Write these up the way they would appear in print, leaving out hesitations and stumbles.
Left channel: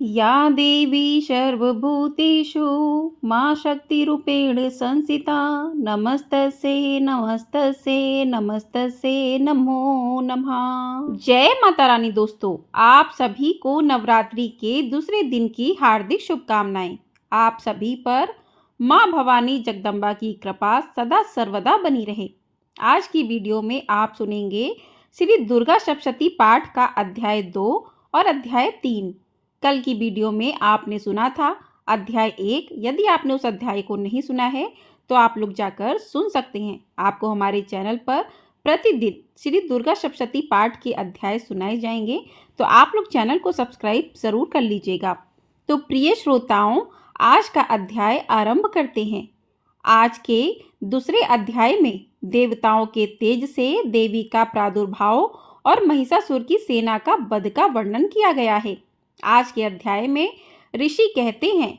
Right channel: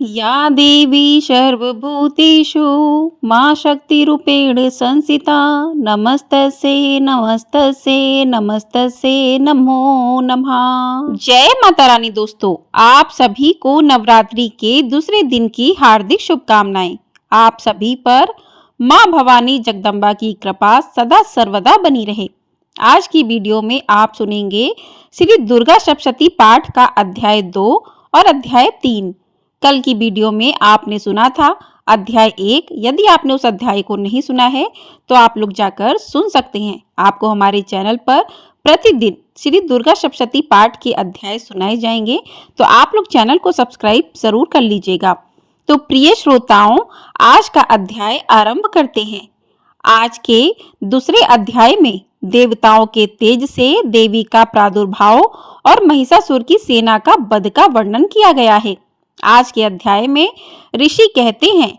या देवी सर्वभूतेषु मां शक्तिरूपेण संस्थिता नमस्तस्यै नमस्तस्यै नमस्तस्यै नमो नमः। जय माता रानी। दोस्तों, आप सभी को नवरात्रि के दूसरे दिन की हार्दिक शुभकामनाएं। आप सभी पर मां भवानी जगदम्बा की कृपा सदा सर्वदा बनी रहे। आज की वीडियो में आप सुनेंगे श्री दुर्गा सप्तशती पाठ का अध्याय 2 और अध्याय 3। कल की वीडियो में आपने सुना था अध्याय 1। यदि आपने उस अध्याय को नहीं सुना है तो आप लोग जाकर सुन सकते हैं। आपको हमारे चैनल पर प्रतिदिन श्री दुर्गा सप्तशती पाठ के अध्याय सुनाए जाएंगे, तो आप लोग चैनल को सब्सक्राइब जरूर कर लीजिएगा। तो प्रिय श्रोताओं, आज का अध्याय आरंभ करते हैं। आज के दूसरे अध्याय में देवताओं के तेज से देवी का प्रादुर्भाव और महिषासुर की सेना का वध का वर्णन किया गया है। आज के अध्याय में ऋषि कहते हैं,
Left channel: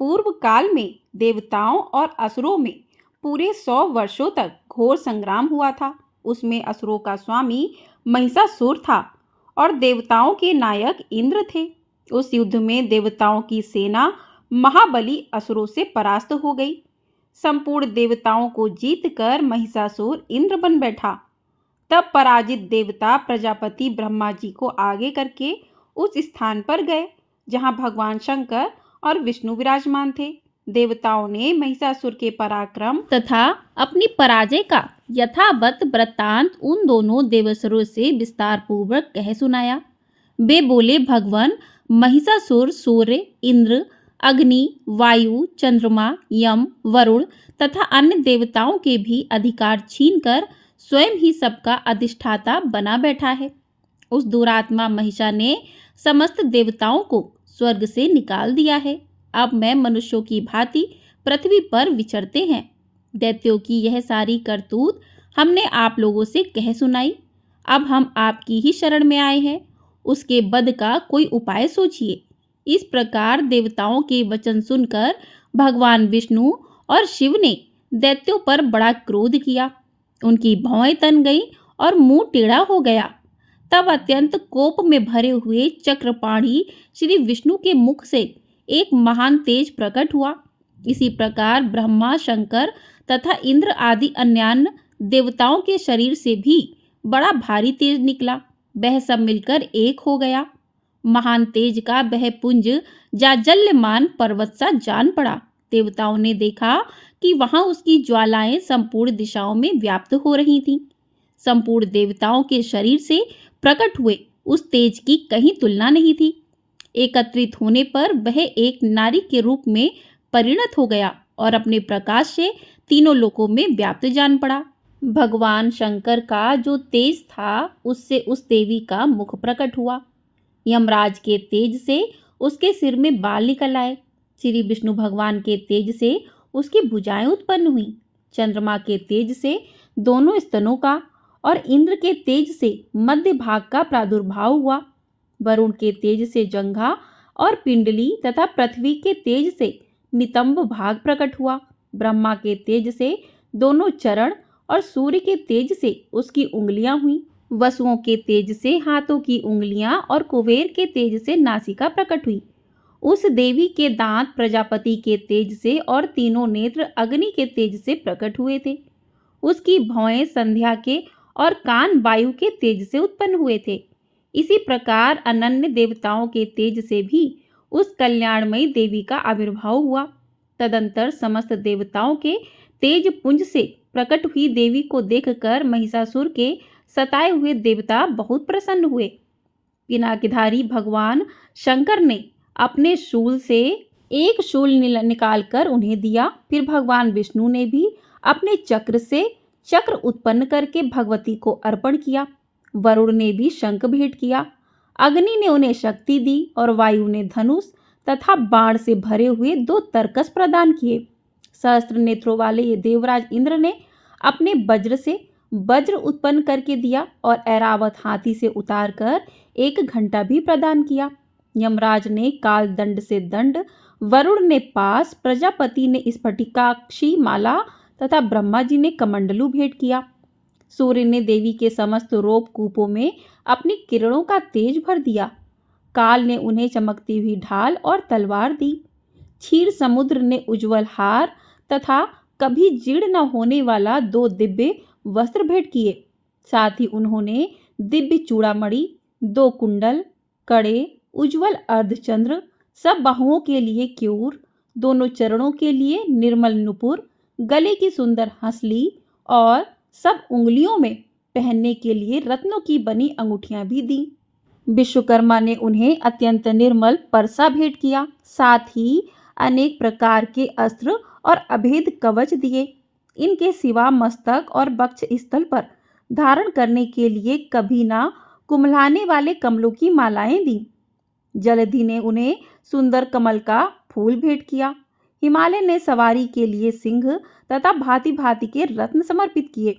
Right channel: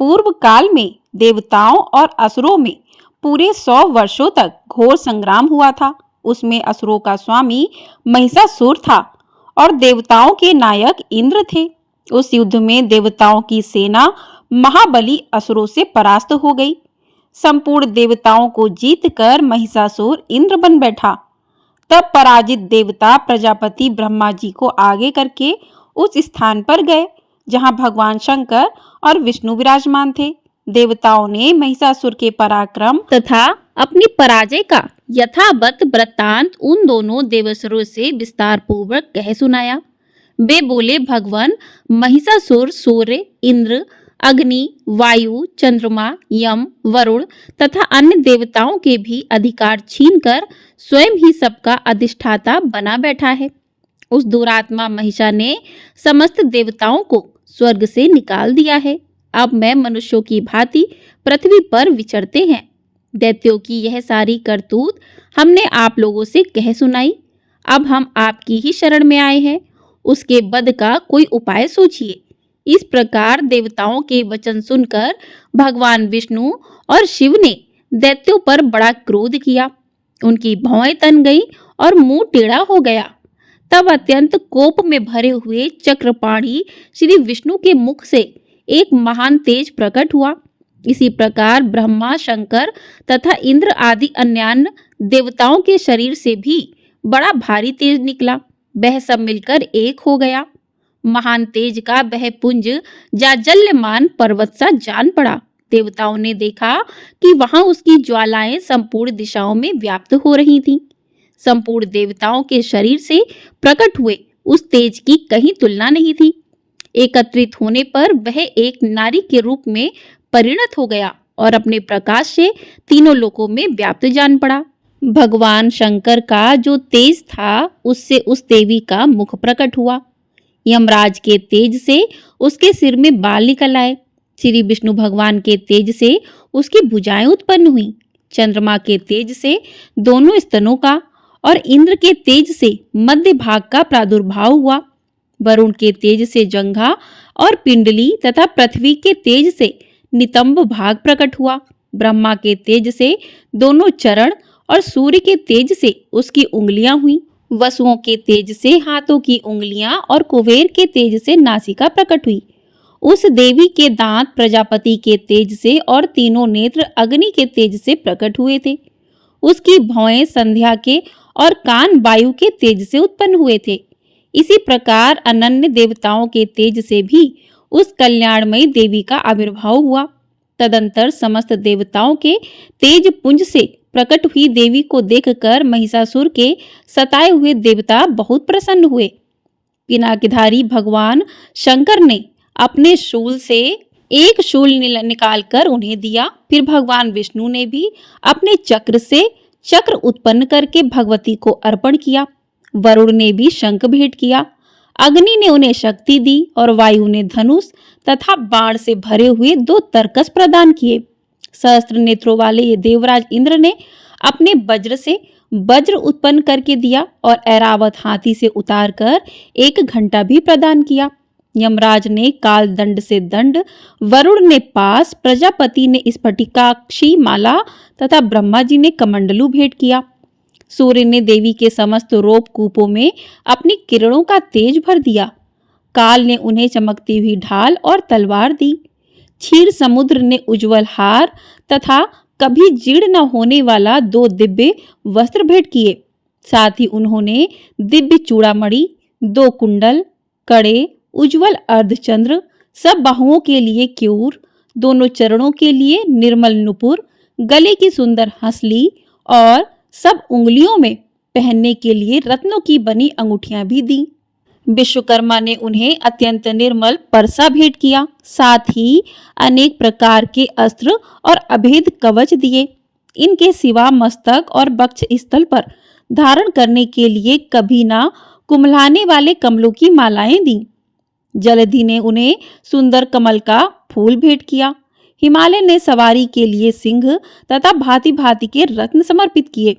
पूर्व काल में देवताओं और असुरों में पूरे 100 वर्षों तक घोर संग्राम हुआ था। उसमें असुरों का स्वामी महिषासुर था और देवताओं के नायक इंद्र थे। उस युद्ध में देवताओं की सेना महाबली असुरों से परास्त हो गई। संपूर्ण देवताओं को जीतकर महिषासुर इंद्र बन बैठा। तब पराजित देवता प्रजापति ब्रह्मा जी को आगे करके उस स्थान पर गए जहां भगवान शंकर और विष्णु विराजमान थे। देवताओं ने महिषासुर के पराक्रम तथा अपनी पराजय का यथावत वृत्तांत उन दोनों देवसुरों से विस्तार पूर्वक कह सुनाया। वे बोले, भगवान महिषासुर सूर्य, इंद्र, अग्नि, वायु, चंद्रमा, यम, वरुण तथा अन्य देवताओं के भी अधिकार छीनकर स्वयं ही सबका अधिष्ठाता बना बैठा है। उस दुरात्मा महिषा ने समस्त देवताओं को स्वर्ग से निकाल दिया है। अब मैं मनुष्यों की भांति पृथ्वी पर विचरते हैं। दैत्यों की यह सारी करतूत हमने आप लोगों से कह सुनाई। अब हम आपकी ही शरण में आए हैं। उसके वध का कोई उपाय सोचिए। इस प्रकार देवताओं के वचन सुनकर भगवान विष्णु और शिव ने दैत्यों पर बड़ा क्रोध किया। उनकी भौएं तन गई और मुंह टेढ़ा हो गया। तब अत्यंत कोप में भरे हुए चक्रपाणी श्री विष्णु के मुख से एक महान तेज प्रकट हुआ। इसी प्रकार ब्रह्मा, शंकर तथा इंद्र आदि अन्य देवताओं के शरीर से भी बड़ा भारी तेज निकला। वह सब मिलकर एक हो गया। महान तेज का वह पुंज जाजल्यमान पर्वत सा जान पड़ा। देवताओं ने देखा कि वहां उसकी ज्वालाएं संपूर्ण दिशाओं में व्याप्त हो रही थीं। संपूर्ण देवताओं के शरीर से प्रकट हुए उस तेज की कहीं तुलना नहीं थी। एकत्रित होने पर वह एक नारी के रूप में परिणत हो गया और अपने प्रकाश से तीनों लोकों में व्याप्त जान पड़ा। भगवान शंकर का जो तेज था उससे उस देवी का मुख प्रकट हुआ। यमराज के तेज से उसके सिर में बाल निकल आए। श्री विष्णु भगवान के तेज से उसकी भुजाएं उत्पन्न हुई। चंद्रमा के तेज से दोनों स्तनों का और इंद्र के तेज से मध्य भाग का प्रादुर्भाव हुआ। वरुण के तेज से जंघा और पिंडली तथा पृथ्वी के तेज से नितंब भाग प्रकट हुआ। ब्रह्मा के तेज से दोनों चरण और सूर्य के तेज से उसकी उंगलियां हुई। वसुओं के तेज से हाथों की उंगलियां और कुबेर के तेज से नासिका प्रकट हुई। उस देवी के दांत प्रजापति के तेज से और तीनों नेत्र अग्नि के तेज से प्रकट हुए थे। उसकी भौएं संध्या के और कान वायु के तेज से उत्पन्न हुए थे। इसी प्रकार अनन्य देवताओं के तेज से भी उस कल्याणमयी देवी का आविर्भाव हुआ। तदंतर समस्त देवताओं के तेज पुंज से प्रकट हुई देवी को देखकर महिषासुर के सताए हुए देवता बहुत प्रसन्न हुए। पिनाकधारी भगवान शंकर ने अपने शूल से एक शूल निकालकर उन्हें दिया। फिर भगवान विष्णु ने भी अपने चक्र से चक्र उत्पन्न करके भगवती को अर्पण किया। वरुण ने भी शंख भेंट किया। अग्नि ने उन्हें शक्ति दी और वायु ने धनुष तथा बाण से भरे हुए 2 तरकस प्रदान किए। सहस्त्र नेत्रों वाले ये देवराज इंद्र ने अपने वज्र से वज्र उत्पन्न करके दिया और ऐरावत हाथी से उतारकर 1 घंटा भी प्रदान किया। यमराज ने काल दंड से दंड, वरुण ने पास, प्रजापति ने स्फटिकाक्षी माला तथा ब्रह्मा जी ने कमंडलू भेंट किया। सूर्य ने देवी के समस्त रोप कूपों में अपनी किरणों का तेज भर दिया। काल ने उन्हें चमकती हुई ढाल और तलवार दी। क्षीर समुद्र ने उज्जवल हार तथा कभी जीर्ण न होने वाला 2 दिव्य वस्त्र भेंट किए। साथ ही उन्होंने दिव्य चूड़ामणि, 2 कुंडल, कड़े, उज्जवल अर्धचंद्र, सब बाहुओं के लिए क्यूर, दोनों चरणों के लिए निर्मल नुपुर, गले की सुंदर हंसली और सब उंगलियों में पहनने के लिए रत्नों की बनी अंगूठियां भी दी। विश्वकर्मा ने उन्हें अत्यंत निर्मल परसा भेंट किया। साथ ही अनेक प्रकार के अस्त्र और अभेद कवच दिए। इनके सिवा मस्तक और वक्ष स्थल पर धारण करने के लिए कभी ना कुम्हलाने वाले कमलों की मालाएं दी। जलधि ने उन्हें सुंदर कमल का फूल भेंट किया। हिमालय ने सवारी के लिए सिंह तथा भांति भांति के रत्न समर्पित किए।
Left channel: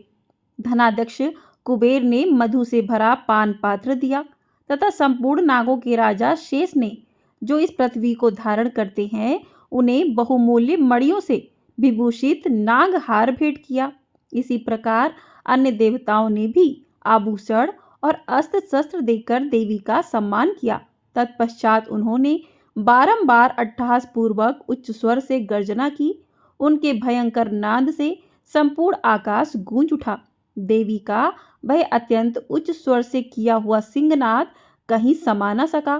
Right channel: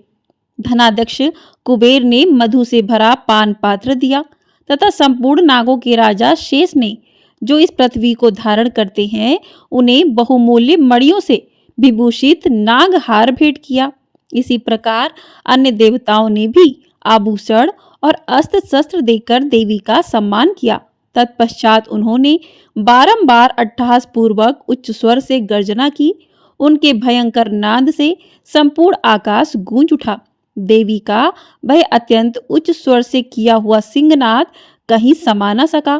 धनाध्यक्ष कुबेर ने मधु से भरा पान पात्र दिया तथा संपूर्ण नागों के राजा शेष ने, जो इस पृथ्वी को धारण करते हैं, उन्हें बहुमूल्य मणियों से विभूषित नागहार भेंट किया। इसी प्रकार अन्य देवताओं ने भी आभूषण और अस्त्र शस्त्र देकर देवी का सम्मान किया। तत्पश्चात उन्होंने बारंबार अट्टहास पूर्वक उच्च स्वर से गर्जना की। उनके भयंकर नाद से संपूर्ण आकाश गूंज उठा। देवी का वह अत्यंत उच्च स्वर से किया हुआ सिंहनाद कहीं समा न सका।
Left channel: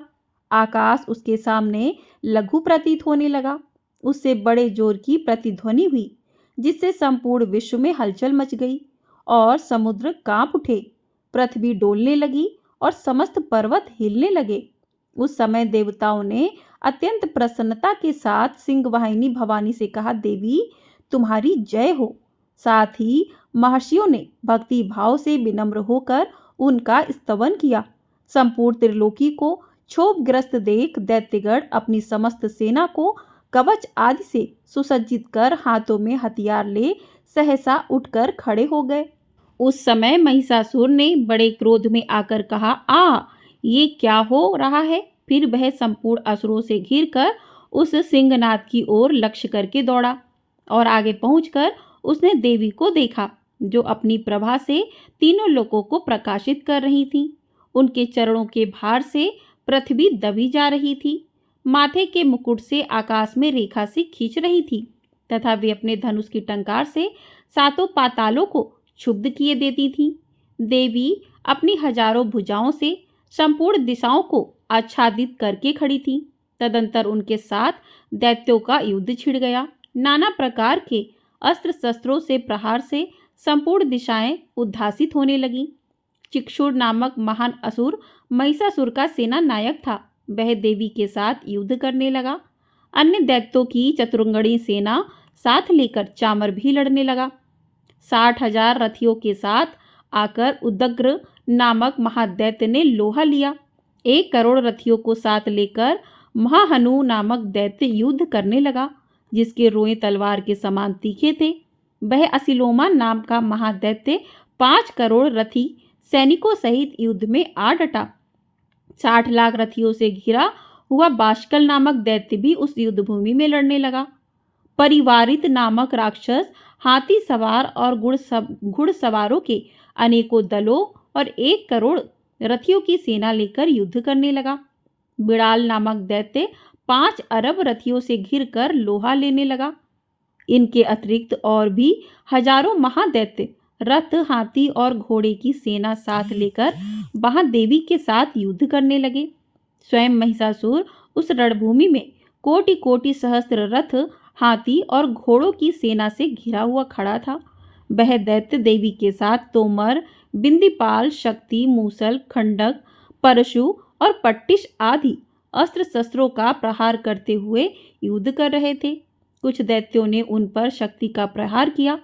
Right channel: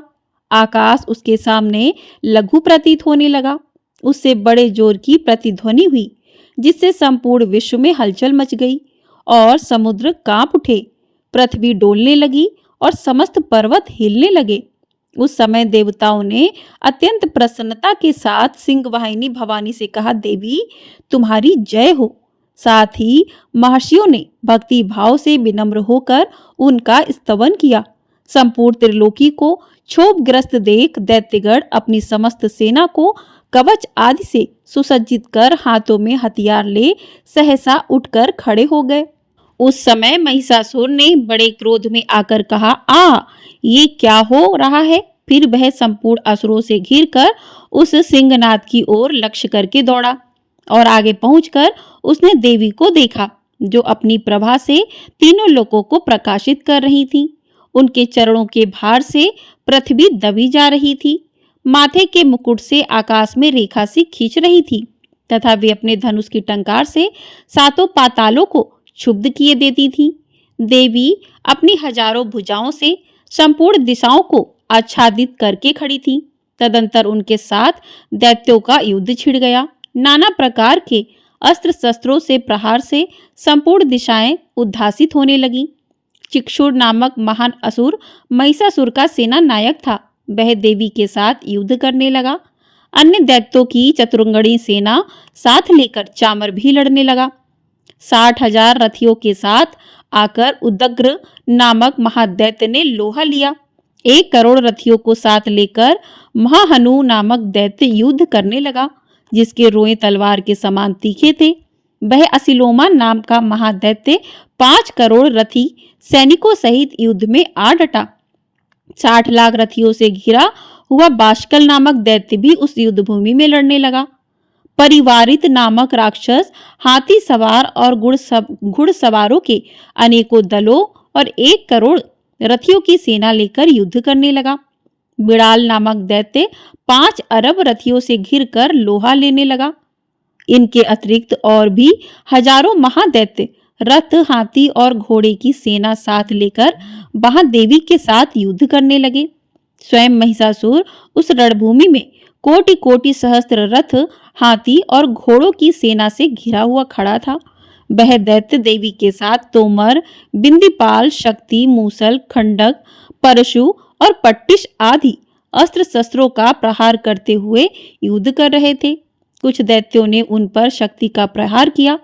आकाश उसके सामने लघु प्रतीत होने लगा। उससे बड़े जोर की प्रतिध्वनि हुई, जिससे संपूर्ण विश्व में हलचल मच गई और समुद्र कांप उठे, पृथ्वी डोलने लगी और समस्त पर्वत हिलने लगे। उस समय देवताओं ने अत्यंत प्रसन्नता के साथ सिंहवाहिनी भवानी से कहा, देवी तुम्हारी जय हो। साथ ही महर्षियों ने भक्ति भाव से विनम्र होकर उनका स्तवन किया। संपूर्ण त्रिलोकी को क्षोभग्रस्त देख दैत्यगण अपनी समस्त सेना को कवच आदि से सुसज्जित कर हाथों में हथियार ले सहसा उठकर खड़े हो गए। उस समय महिषासुर ने बड़े क्रोध में आकर कहा, ये क्या हो रहा है? फिर वह संपूर्ण असुरों से घिरकर उस सिंहनाद की ओर लक्ष्य करके दौड़ा और आगे पहुंचकर उसने देवी को देखा, जो अपनी प्रभा से तीनों लोकों को प्रकाशित कर रही थी। उनके चरणों के भार से पृथ्वी दबी जा रही थी। माथे के मुकुट से आकाश में रेखा सी खींच रही थी तथा वे अपने धनुष की टंकार से 7 पातालों को क्षुब्ध किए देती थी। देवी अपनी हजारों भुजाओं से संपूर्ण दिशाओं को आच्छादित करके खड़ी थी। तदंतर उनके साथ दैत्यों का युद्ध छिड़ गया। नाना प्रकार के अस्त्र शस्त्रों से प्रहार से संपूर्ण दिशाएं उद्धासित होने लगी। चिक्षुर नामक महान असुर महिषासुर का सेना नायक था। वह देवी के साथ युद्ध करने लगा। अन्य दैत्यों की चतुरंगणी सेना साथ लेकर चामर भी लड़ने लगा। 60,000 रथियों के साथ आकर उदग्र नामक महादैत्य ने लोहा लिया। 1 करोड़ रथियों को साथ लेकर महाहनु नामक दैत्य युद्ध करने लगा, जिसके रोए तलवार के समान तीखे थे। वह असिलोमा नाम का महादैत्य 5 करोड़ रथी सैनिकों सहित युद्ध में आ डटा। 60 लाख रथियों से घिरा हुआ बाष्कल नामक दैत्य भी उस युद्ध भूमि में लड़ने लगा। परिवारित नामक राक्षस हाथी सवार और घुड़सवारों के अनेकों दलों और 1 करोड़ रथियों की सेना लेकर युद्ध करने लगा। बिड़ाल नामक दैत्य 5 अरब रथियों से घिरकर लोहा लेने लगा। इनके अतिरिक्त और भी हजारों महादैत्य रथ, हाथी और घोड़े की सेना साथ लेकर वहां देवी के साथ युद्ध करने लगे। स्वयं महिषासुर उस रणभूमि में कोटि कोटि सहस्त्र रथ, हाथी और घोड़ों की सेना से घिरा हुआ खड़ा था। वह दैत्य देवी के साथ तोमर, बिंदीपाल, शक्ति, मूसल, खंडक, परशु और पट्टिश आदि अस्त्र शस्त्रों का प्रहार करते हुए युद्ध कर रहे थे। कुछ दैत्यों ने उन पर शक्ति का प्रहार किया,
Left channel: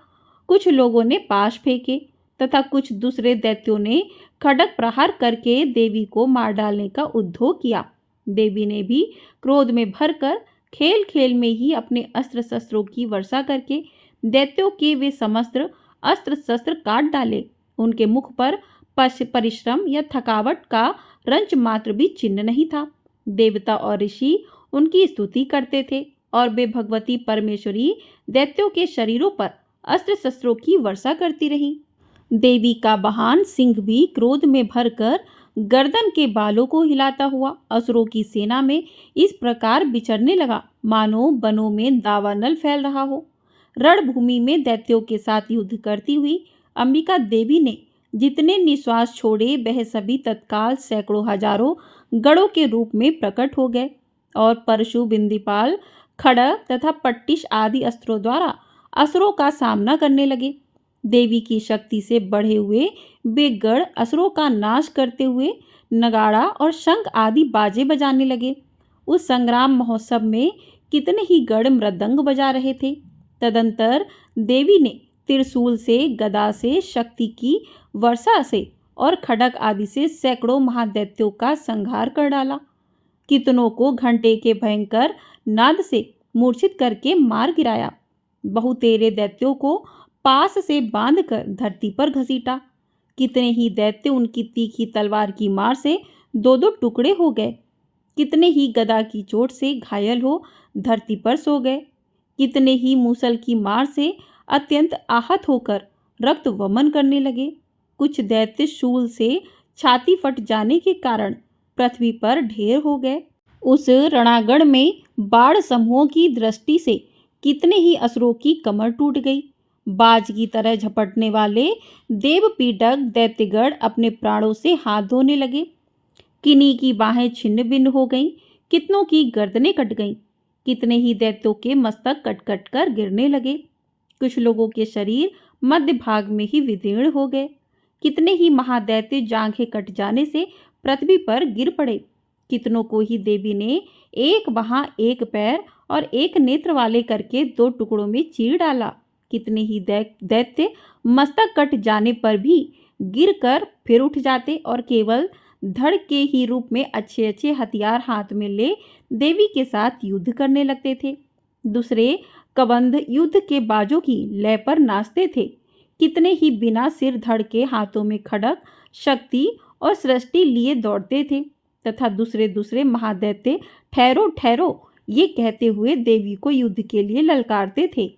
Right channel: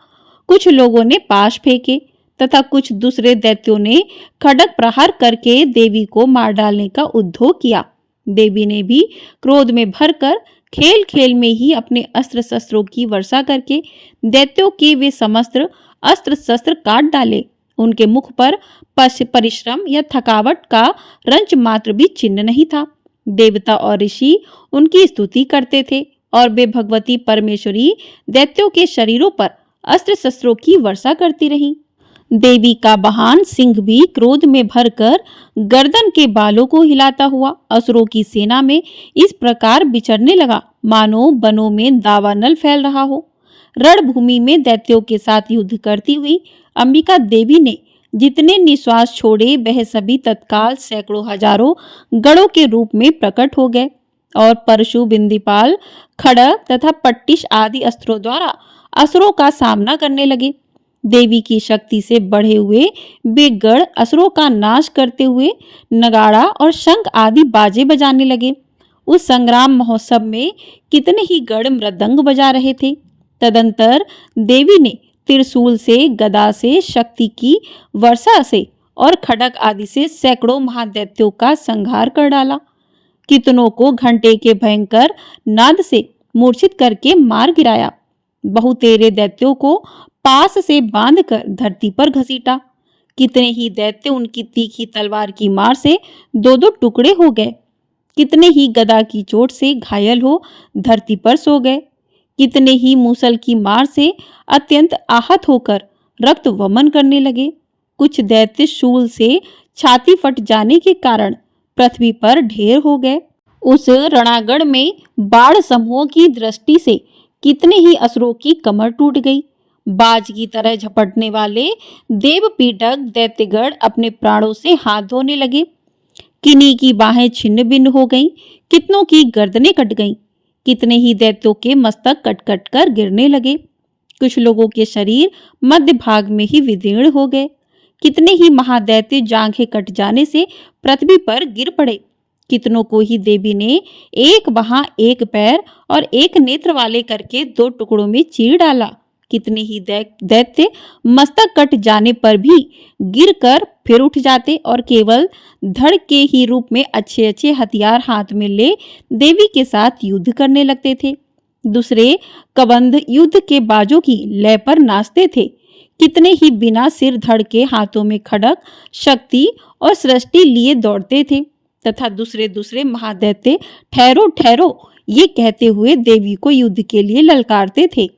कुछ लोगों ने पाश फेंके तथा कुछ दूसरे दैत्यों ने खड्ग प्रहार करके देवी को मार डालने का उद्योग किया। देवी ने भी क्रोध में भरकर खेल खेल में ही अपने अस्त्र शस्त्रों की वर्षा करके दैत्यों के वे समस्त अस्त्र शस्त्र काट डाले। उनके मुख पर परिश्रम या थकावट का रंच मात्र भी चिन्ह नहीं था। देवता और ऋषि उनकी स्तुति करते थे और वे भगवती परमेश्वरी दैत्यों के शरीरों पर अस्त्र शस्त्रों की वर्षा करती रही। देवी का वाहन सिंह भी क्रोध में भरकर गर्दन के बालों को हिलाता हुआ असुरों की सेना में इस प्रकार विचरने लगा मानो वनों में दावानल फैल रहा हो। रणभूमि में दैत्यों के साथ युद्ध करती हुई अंबिका देवी ने जितने निश्वास छोड़े वह सभी तत्काल सैकड़ों हजारों गढ़ों के रूप में प्रकट हो गए और परशु, बिंदीपाल, खड़ग तथा पट्टिश आदि अस्त्रों द्वारा असुरों का सामना करने लगे। देवी की शक्ति से बढ़े हुए वे गढ़ असुरों का नाश करते हुए नगाड़ा और शंख आदि बाजे बजाने लगे। उस संग्राम महोत्सव में कितने ही गढ़ मृदंग बजा रहे थे। तदंतर देवी ने त्रिशूल से, गदा से, शक्ति की वर्षा से और खड़ग आदि से सैकड़ों महादैत्यों का संहार कर डाला। कितनों को घंटे के भयंकर नाद से मूर्छित करके मार गिराया। बहुतेरे दैत्यों को पास से बांधकर धरती पर घसीटा। कितने ही दैत्य उनकी तीखी तलवार की मार से दो दो टुकड़े हो गए। कितने ही गदा की चोट से घायल हो धरती पर सो गए। कितने ही मूसल की मार से अत्यंत आहत होकर रक्त वमन करने लगे। कुछ दैत्य शूल से छाती फट जाने के कारण पृथ्वी पर ढेर हो गए। उस रणागढ़ में बाढ़ समूहों की दृष्टि से कितने ही असुरों की कमर टूट गई। बाज की तरह झपटने वाले देवपीडक दैत्यगढ़ अपने प्राणों से हाथ धोने लगे। किन्हीं की बाहें छिन्न भिन्न हो गईं, कितनों की गर्दनें कट गईं। कितने ही दैत्यों के मस्तक कट कट कर गिरने लगे। कुछ लोगों के शरीर मध्य भाग में ही विदीर्ण हो गए। कितने ही महादैत्य जांघें कट जाने से पृथ्वी पर गिर पड़े। कितनों को ही देवी ने एक बाह, एक पैर और एक नेत्र वाले करके दो टुकड़ों में चीर डाला। कितने ही दैत्य मस्तक कट जाने पर भी गिरकर फिर उठ जाते और केवल धड़ के ही रूप में अच्छे अच्छे हथियार हाथ में ले देवी के साथ युद्ध करने लगते थे। दूसरे कबंध युद्ध के बाजों की लय पर नाचते थे। कितने ही बिना सिर धड़ के हाथों में खड़ग, शक्ति और सृष्टि लिए दौड़ते थे तथा दूसरे दूसरे महादैत्य ठहरो ठहरो ये कहते हुए देवी को युद्ध के लिए ललकारते थे।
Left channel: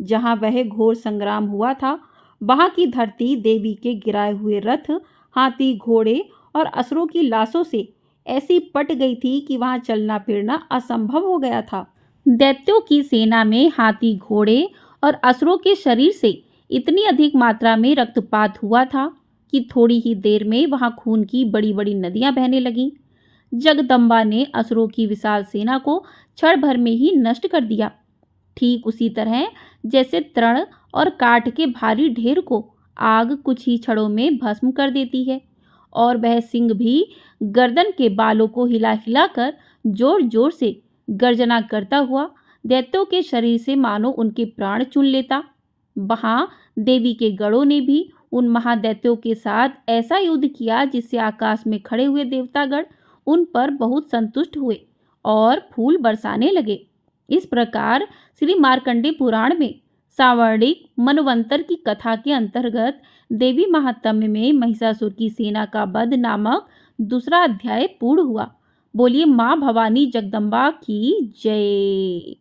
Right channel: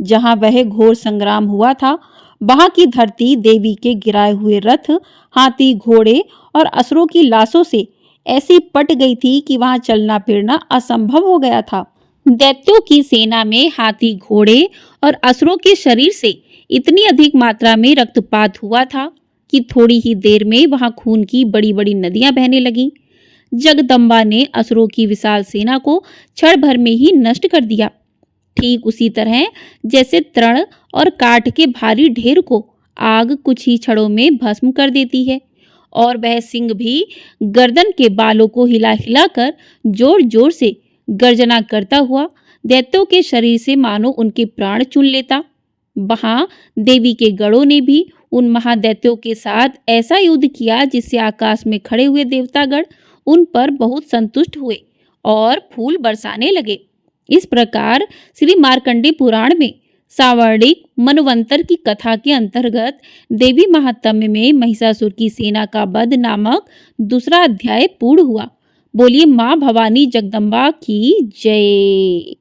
जहां वह घोर संग्राम हुआ था वहां की धरती देवी के गिराए हुए रथ, हाथी, घोड़े और असुरों की लाशों से ऐसी पट गई थी कि वहां चलना फिरना असंभव हो गया था। दैत्यों की सेना में हाथी, घोड़े और असुरों के शरीर से इतनी अधिक मात्रा में रक्तपात हुआ था कि थोड़ी ही देर में वहां खून की बड़ी बड़ी नदियां बहने लगीं। जगदम्बा ने असुरों की विशाल सेना को क्षण भर में ही नष्ट कर दिया। ठीक उसी तरह जैसे तृण और काठ के भारी ढेर को आग कुछ ही क्षणों में भस्म कर देती है, और वह सिंह भी गर्दन के बालों को हिला हिलाकर जोर जोर से गर्जना करता हुआ दैत्यों के शरीर से मानो उनके प्राण चुन लेता। वहां देवी के गढ़ों ने भी उन महादैत्यों के साथ ऐसा युद्ध किया जिससे आकाश में खड़े हुए देवतागण उन पर बहुत संतुष्ट हुए और फूल बरसाने लगे। इस प्रकार श्री मार्कंडेय पुराण में सावर्णिक मनवंतर की कथा के अंतर्गत देवी महात्म्य में महिषासुर की सेना का वध नामक दूसरा अध्याय पूर्ण हुआ। बोलिए माँ भवानी जगदम्बा की जय।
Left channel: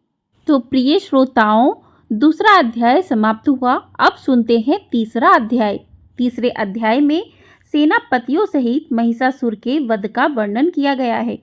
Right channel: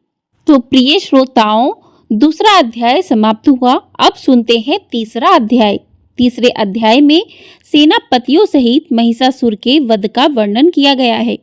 तो प्रिय श्रोताओं, दूसरा अध्याय समाप्त हुआ। अब सुनते हैं तीसरा अध्याय। तीसरे अध्याय में सेनापतियों सहित महिषासुर के वध का वर्णन किया गया है।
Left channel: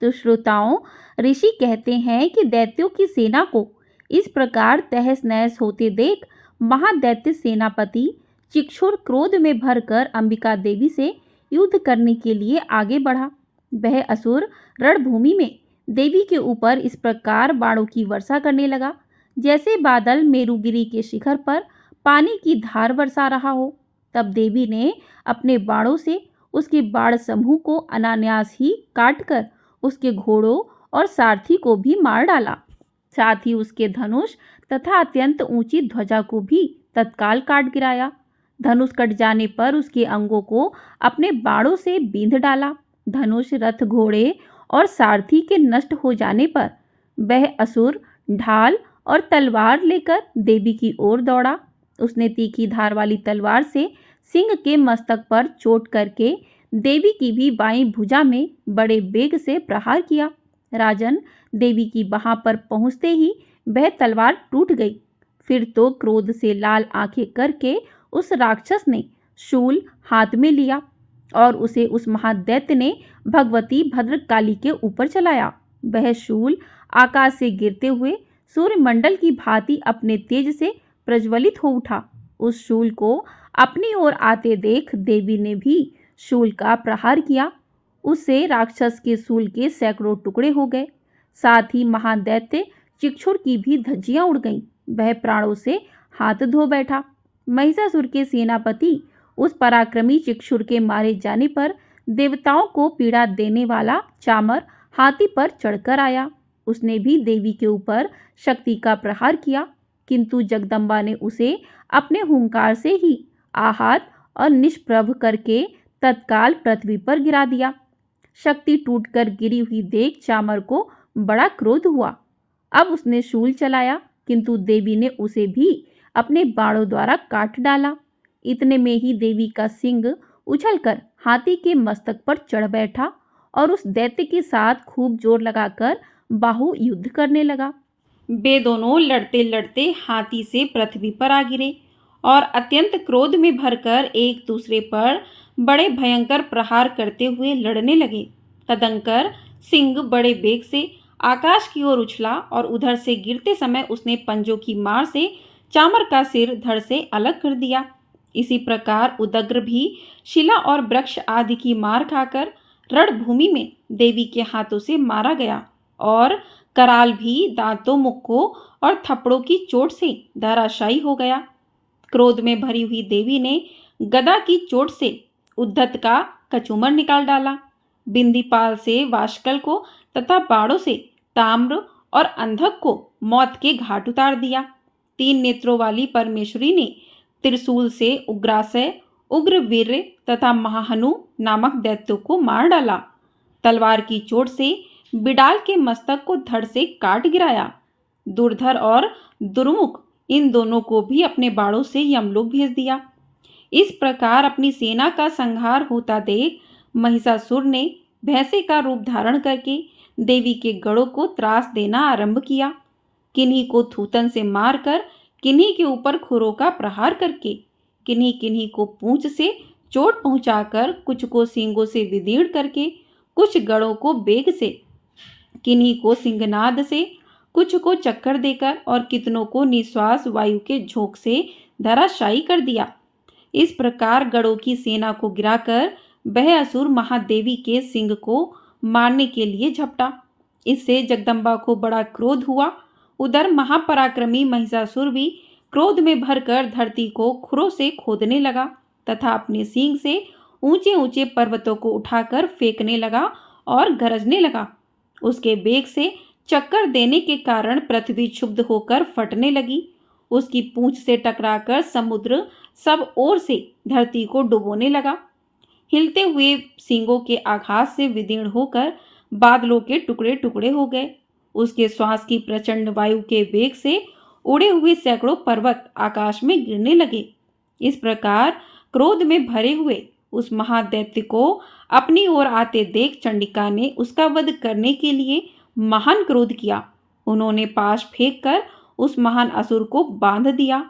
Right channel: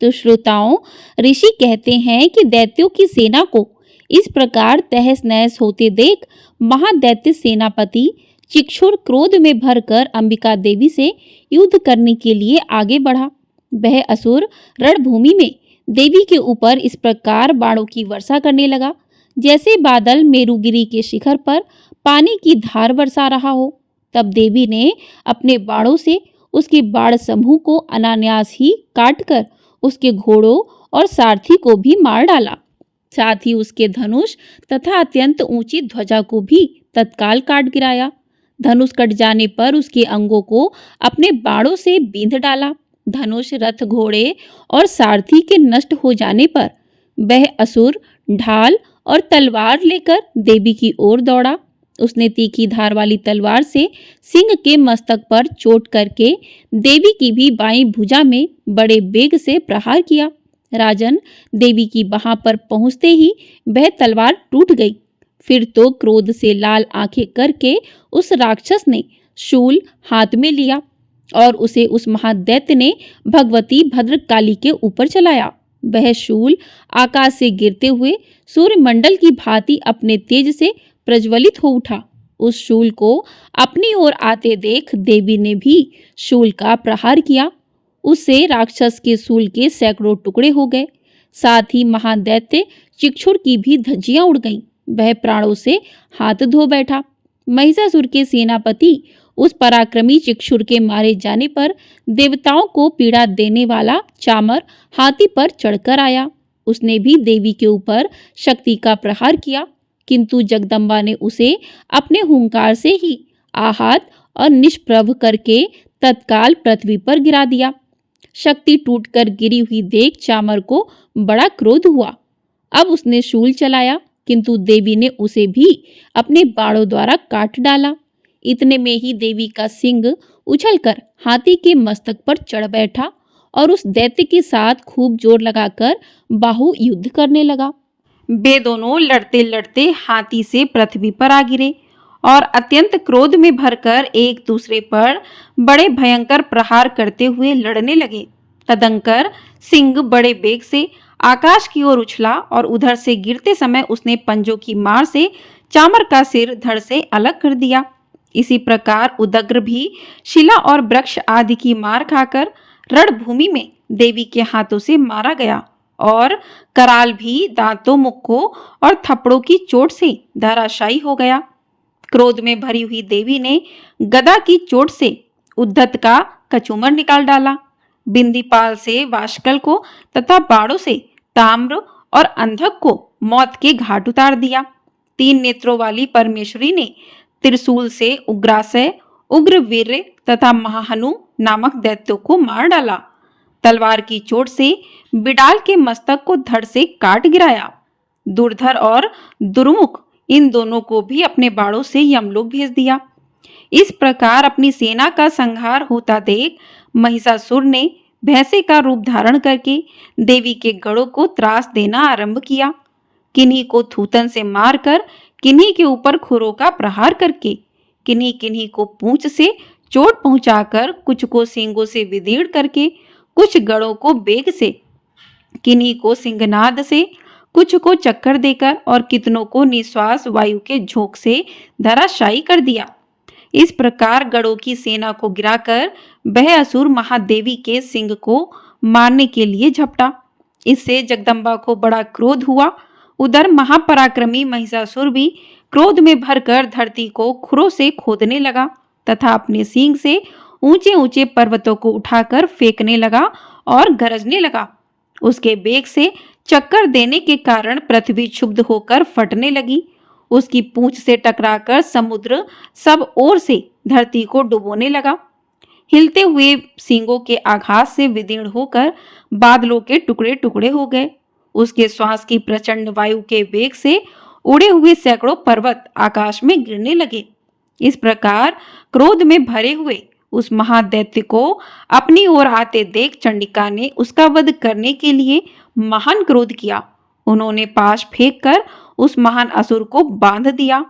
तो श्रोताओं, ऋषि कहते हैं कि दैत्यों की सेना को इस प्रकार तहस नहस होते देख महादैत्य सेनापति चिक्षुर क्रोध में भरकर अंबिका देवी से युद्ध करने के लिए आगे बढ़ा। वह असुर रणभूमि में देवी के ऊपर इस प्रकार बाणों की वर्षा करने लगा जैसे बादल मेरुगिरी के शिखर पर पानी की धार बरसा रहा हो। तब देवी ने अपने बाणों से उसके बाण समूह को अनायास ही काटकर उसके घोड़ों और सारथी को भी मार डाला। साथ ही उसके धनुष तथा अत्यंत ऊंची ध्वजा को भी तत्काल काट गिराया। धनुष कट जाने पर उसके अंगों को अपने बाणों से बींध डाला। धनुष, रथ, घोड़े और सारथी के नष्ट हो जाने पर वह असुर ढाल और तलवार लेकर देवी की ओर दौड़ा। उसने तीखी धार वाली तलवार से सिंह के मस्तक पर चोट करके देवी की भी बाईं भुजा में बड़े वेग से प्रहार किया। राजन, देवी की बाह पर पहुंचते ही वह तलवार टूट गई। फिर तो क्रोध से लाल आंखें करके उस राक्षस ने शूल हाथ में लिया और उसे उस महादैत्य ने भगवती भद्रकाली के ऊपर चलाया। वह शूल आकाश से गिरते हुए सूर्यमंडल की भांति अपने तेज से प्रज्वलित हो उठा। उस शूल को अपनी ओर आते देख देवी ने भी शूल का प्रहार किया। उससे राक्षस के शूल के सैकड़ों टुकड़े हो गए। साथ ही महादैत्य चिक्षुर की भी धज्जियां उड़ गईं। वह प्राणों से हाथ धो बैठा। महिषासुर के सेनापति उस पराक्रमी चिक्षुर के मारे जाने पर देवताओं को पीड़ा देने वाला चामर हाथी पर चढ़कर आया। उसने भी देवी के ऊपर शक्ति का प्रहार किया, किंतु जगदम्बा ने उसे अपने हुंकार से ही आहत और निष्प्रभ करके तत्काल पृथ्वी पर गिरा दिया। शक्ति टूटकर गिरी हुई देख चामर को बड़ा क्रोध हुआ। अब उसने शूल चलाया, किंतु देवी ने उसे भी अपने बाणों द्वारा काट डाला। इतने में ही देवी का सिंह उछलकर हाथी के मस्तक पर चढ़ बैठा और उस दैत्य के साथ खूब जोर लगाकर बाहु युद्ध करने लगा। वे दोनों लड़ते लड़ते हाथी से पृथ्वी पर आ गिरे और अत्यंत क्रोध में भरकर एक दूसरे पर बड़े भयंकर प्रहार करते हुए लड़ने लगे। तदंकर सिंह बड़े वेग से आकाश की ओर उछला और उधर से गिरते समय उसने पंजों की मार से चामर का सिर धड़ से अलग कर दिया। इसी प्रकार उदग्र भी शिला और वृक्ष आदि की मार खाकर रणभूमि में देवी के हाथों से मारा गया और कराल भी दांतों, मुक्कों और थप्पड़ों की चोट से धराशायी हो गया। क्रोध में भरी हुई देवी ने गदा की चोट से उद्धत का कचूमर निकाल डाला। बिंदीपाल से वाशकल को तथा बाणों से ताम्र और अंधक को मौत के घाट उतार दिया। 3 नेत्रों वाली परमेश्वरी ने त्रिशूल से उग्रासय, उग्रवीर्य तथा महाहनु नामक दैत्यों को मार डाला। तलवार की चोट से बिडाल के मस्तक को धड़ से काट गिराया। दुर्धर और दुर्मुख इन दोनों को भी अपने बाणों से यमलोक भेज दिया। इस प्रकार अपनी सेना का संहार होता देख महिषासुर ने भैंसे का रूप धारण करके देवी के गढ़ों को त्रास देना आरंभ किया। किन्हीं को थूतन से मारकर, किन्हीं के ऊपर खुरों का प्रहार करके, किन्हीं किन्हीं को पूंछ से चोट पहुंचाकर, कुछ को सींगों से विदीर्ण करके, कुछ गढ़ों को बेग से, किन्हीं को सिंहनाद से, कुछ को चक्कर देकर और कितनों को निश्वास वायु के झोंक से धराशायी कर दिया। इस प्रकार गढ़ों की सेना को गिराकर वह असुर महादेवी के सिंह को मारने के लिए झपटा। इससे जगदम्बा को बड़ा क्रोध हुआ। उधर महापराक्रमी महिषासुर भी क्रोध में भरकर धरती को खुरों से खोदने लगा तथा अपने सींग से ऊंचे ऊंचे पर्वतों को उठाकर फेंकने लगा और गरजने लगा। उसके वेग से चक्कर देने के कारण पृथ्वी क्षुब्ध होकर फटने लगी। उसकी पूंछ से टकराकर समुद्र सब ओर से धरती को डुबोने लगा। हिलते हुए सींगों के आघात से विदीर्ण होकर बादलों के टुकड़े टुकड़े हो गए। उसके श्वास की प्रचंड वायु के वेग से उड़े हुए सैकड़ों पर्वत आकाश में गिरने लगे। इस प्रकार क्रोध में भरे हुए उस महादैत्य को अपनी ओर आते देख चंडिका ने उसका वध करने के लिए महान क्रोध किया। उन्होंने पाश फेंककर उस महान असुर को बांध दिया।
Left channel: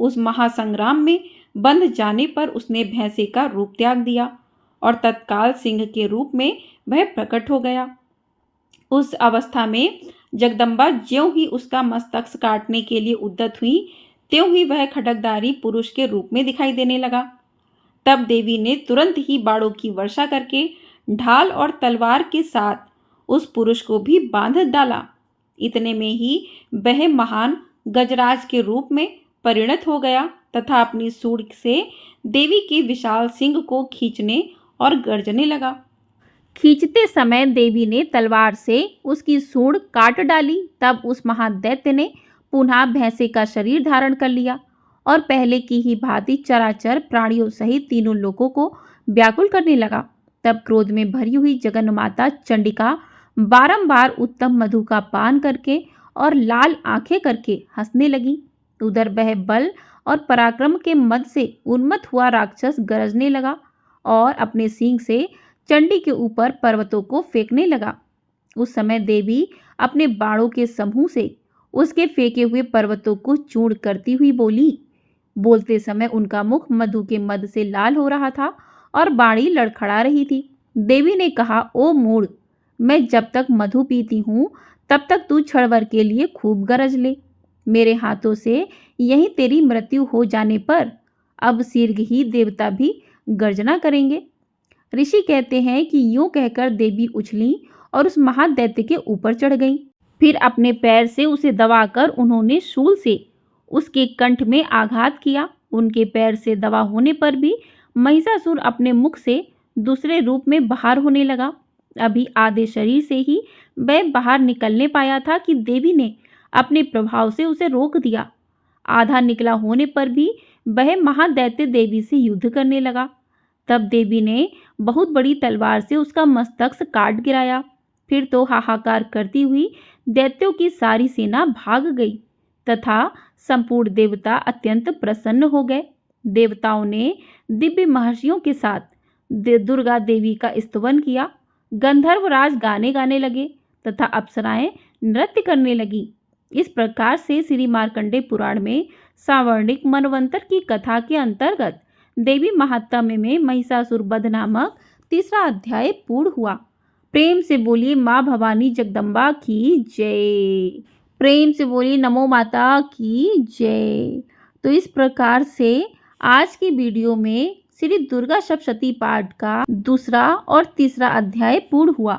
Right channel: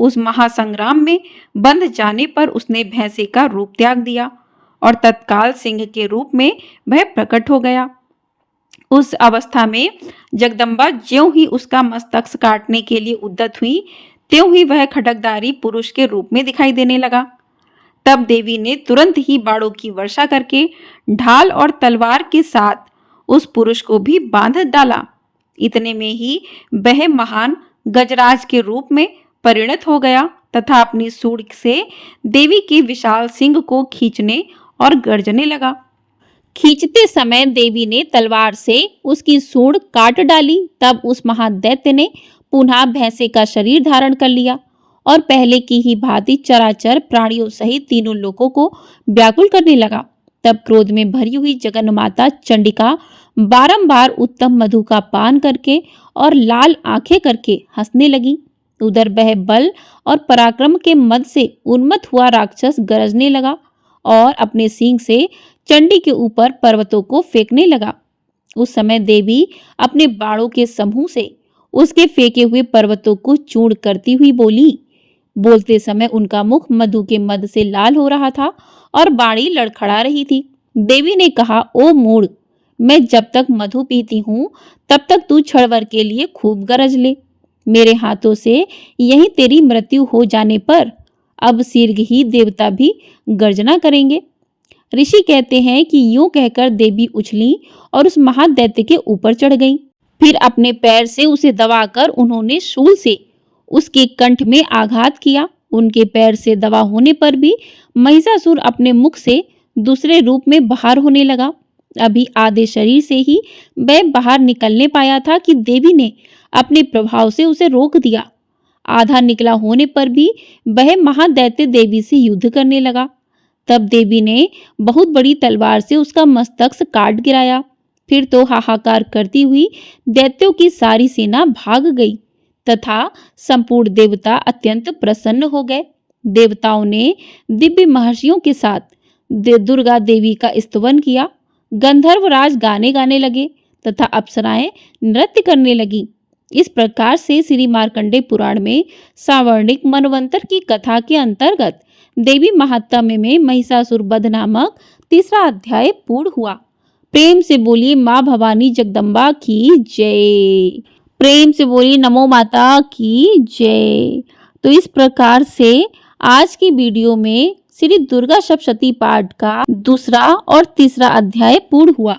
उस महासंग्राम में बंध जाने पर उसने भैंसे का रूप त्याग दिया और तत्काल सिंह के रूप में वह प्रकट हो गया। उस अवस्था में जगदम्बा ज्यों ही उसका मस्तक काटने के लिए उद्यत हुई, त्यों ही वह खड्गधारी पुरुष के रूप में दिखाई देने लगा। तब देवी ने तुरंत ही बाणों की वर्षा करके ढाल और तलवार के साथ उस पुरुष को भी बांध डाला। इतने में ही वह महान गजराज के रूप में परिणत हो गया तथा अपनी सूंड से देवी के विशाल सिंह को खींचने और गर्जने लगा। खींचते समय देवी ने तलवार से उसकी सूंड काट डाली। तब उस महादैत्य ने पुनः भैंसे का शरीर धारण कर लिया और पहले की ही भांति चराचर प्राणियों सहित तीनों लोगों को व्याकुल करने लगा। तब क्रोध में भरी हुई जगन्माता चंडिका बारंबार उत्तम मधु का पान करके और लाल आंखें करके हंसने लगी। उधर वह बल और पराक्रम के मद से उन्मत्त हुआ राक्षस गरजने लगा और अपने सींग से चंडी के ऊपर पर्वतों को फेंकने लगा। उस समय देवी अपने बाणों के समूह से उसके फेंके हुए पर्वतों को चूर्ण करती हुई बोली, बोलते समय उनका मुख मधु के मद से लाल हो रहा था और बाणी लड़खड़ा रही थी। देवी ने कहा, ओ मूढ़, मैं जब तक मधु पीती हूँ तब तक तू क्षणभर के लिए खूब गरज ले। मेरे हाथों से यही तेरी मृत्यु हो जाने पर अब शीघ्र ही देवता भी गर्जना करेंगे। ऋषि कहते हैं कि यूं कहकर देवी उछली और उस महादैत्य के ऊपर चढ़ गईं। फिर अपने पैर से उसे दबाकर उन्होंने शूल से उसके कंठ में आघात किया। उनके पैर से दबा होने पर भी महिषासुर अपने मुख से दूसरे रूप में बाहर होने लगा। अभी आधे शरीर से ही वह बाहर निकलने पाया था कि देवी ने अपने प्रभाव से उसे रोक दिया। आधा निकला होने पर भी वह महादैत्य देवी से युद्ध करने लगा। तब देवी ने बहुत बड़ी तलवार से उसका मस्तक काट गिराया। फिर तो हाहाकार करती हुई दैत्यों की सारी सेना भाग गई तथा संपूर्ण देवता अत्यंत प्रसन्न हो गए। देवताओं ने दिव्य महर्षियों के साथ दुर्गा देवी का स्तवन किया। गंधर्वराज गाने गाने लगे तथा अप्सराएं नृत्य करने लगी। इस प्रकार से श्री मार्कंडेय पुराण में सावर्णिक मनवंतर की कथा के अंतर्गत देवी महात्म्य में महिषासुर वध नामक तीसरा अध्याय पूर्ण हुआ। प्रेम से बोलिए माँ भवानी जगदम्बा की जय। प्रेम से बोलिए नमो माता की जय। तो इस प्रकार से आज की वीडियो में श्री दुर्गा सप्तशती पाठ का दूसरा और तीसरा अध्याय पूर्ण हुआ।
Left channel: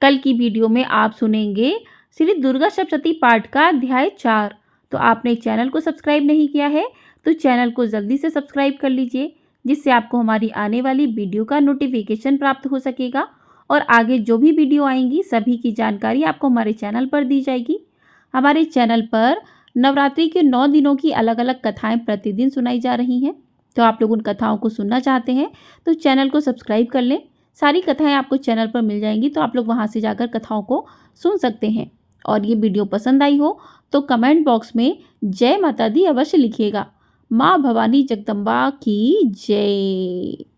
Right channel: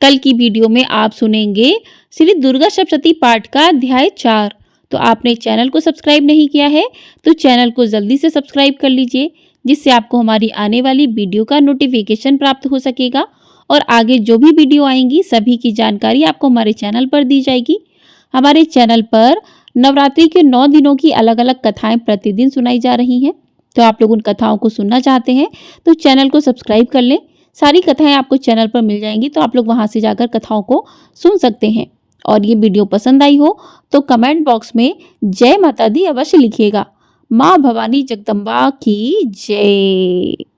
कल की वीडियो में आप सुनेंगे श्री दुर्गा सप्तशती पाठ का अध्याय 4। तो आपने चैनल को सब्सक्राइब नहीं किया है तो चैनल को जल्दी से सब्सक्राइब कर लीजिए, जिससे आपको हमारी आने वाली वीडियो का नोटिफिकेशन प्राप्त हो सकेगा और आगे जो भी वीडियो आएंगी सभी की जानकारी आपको हमारे चैनल पर दी जाएगी। हमारे चैनल पर नवरात्रि के 9 दिनों की अलग अलग कथाएं प्रतिदिन सुनाई जा रही हैं। तो आप लोग उन कथाओं को सुनना चाहते हैं तो चैनल को सब्सक्राइब कर लें। सारी कथाएं आपको चैनल पर मिल जाएंगी, तो आप लोग वहां से जाकर कथाओं को सुन सकते हैं। और ये वीडियो पसंद आई हो तो कमेंट बॉक्स में जय माता दी अवश्य लिखिएगा। माँ भवानी जगदम्बा की जय।